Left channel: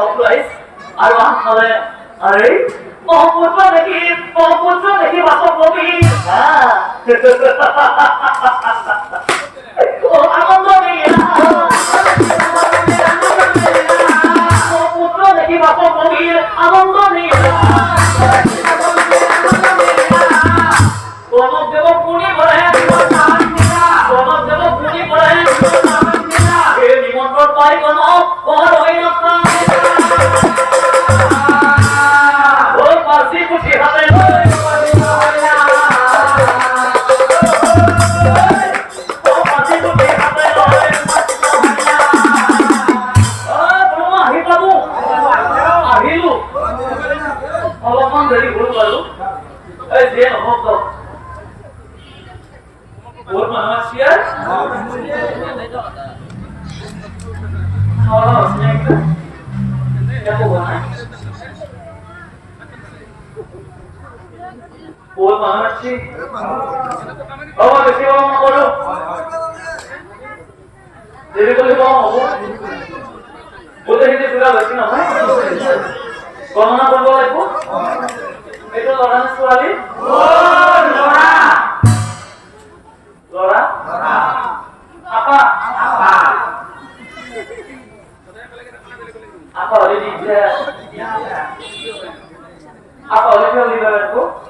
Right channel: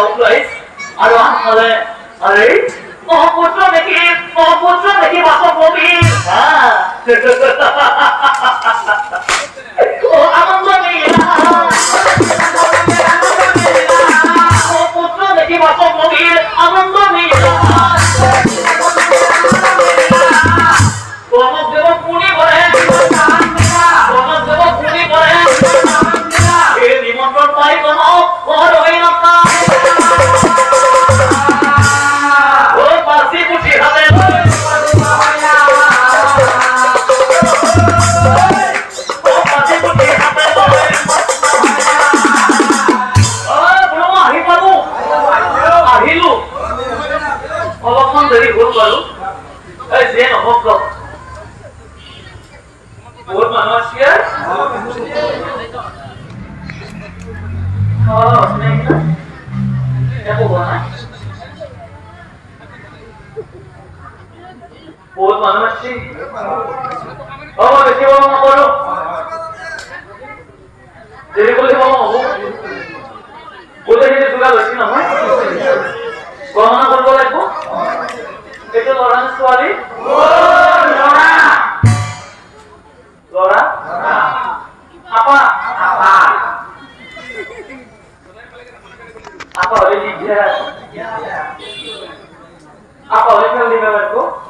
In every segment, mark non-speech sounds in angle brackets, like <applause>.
কংগ্রেস আর আহলে আরে মহাপুত্র নাকি মহাপুত্র নাকি বাসা কবি হ্যাঁ ও <laughs> আমার What my house here? banget sih. Oh, jadi mau ngomong dulu. Jadi boleh mau Boleh jadi juga berarti nama. Kau mau ngomong boleh bu? Itu orang sekali. Lora. Lora. Apa? Apa? Apa oleh dia? Apa oleh dia lima ratus?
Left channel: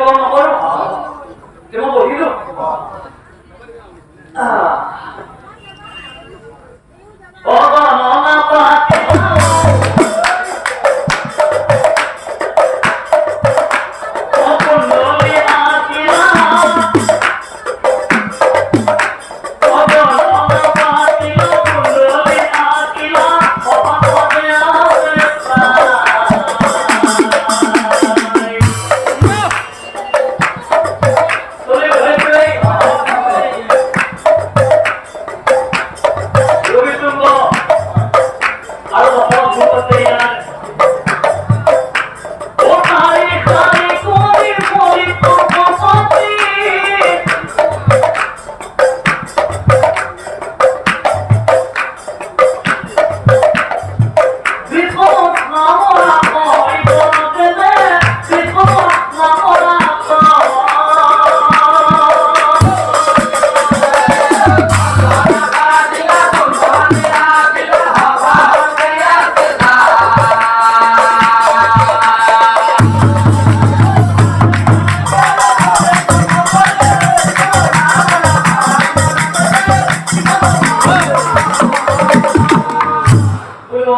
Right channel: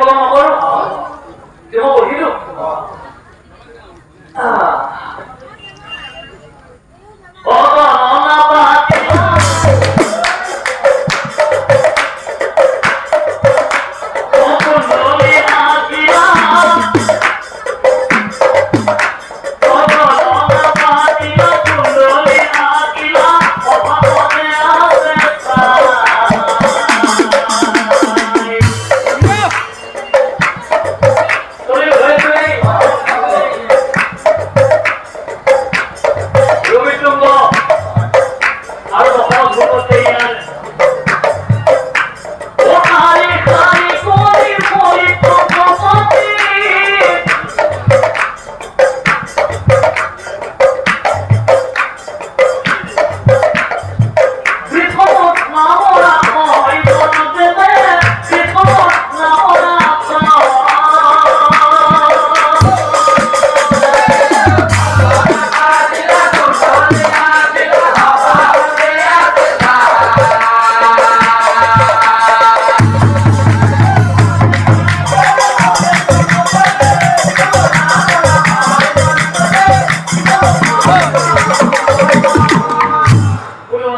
কলম নকৰো যে পঢ়িলো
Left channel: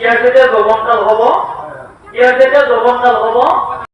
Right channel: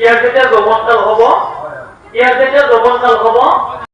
ইয়ার যেটা যৌবনকাল হব ইয়ার যেটা যৌবনকাল হব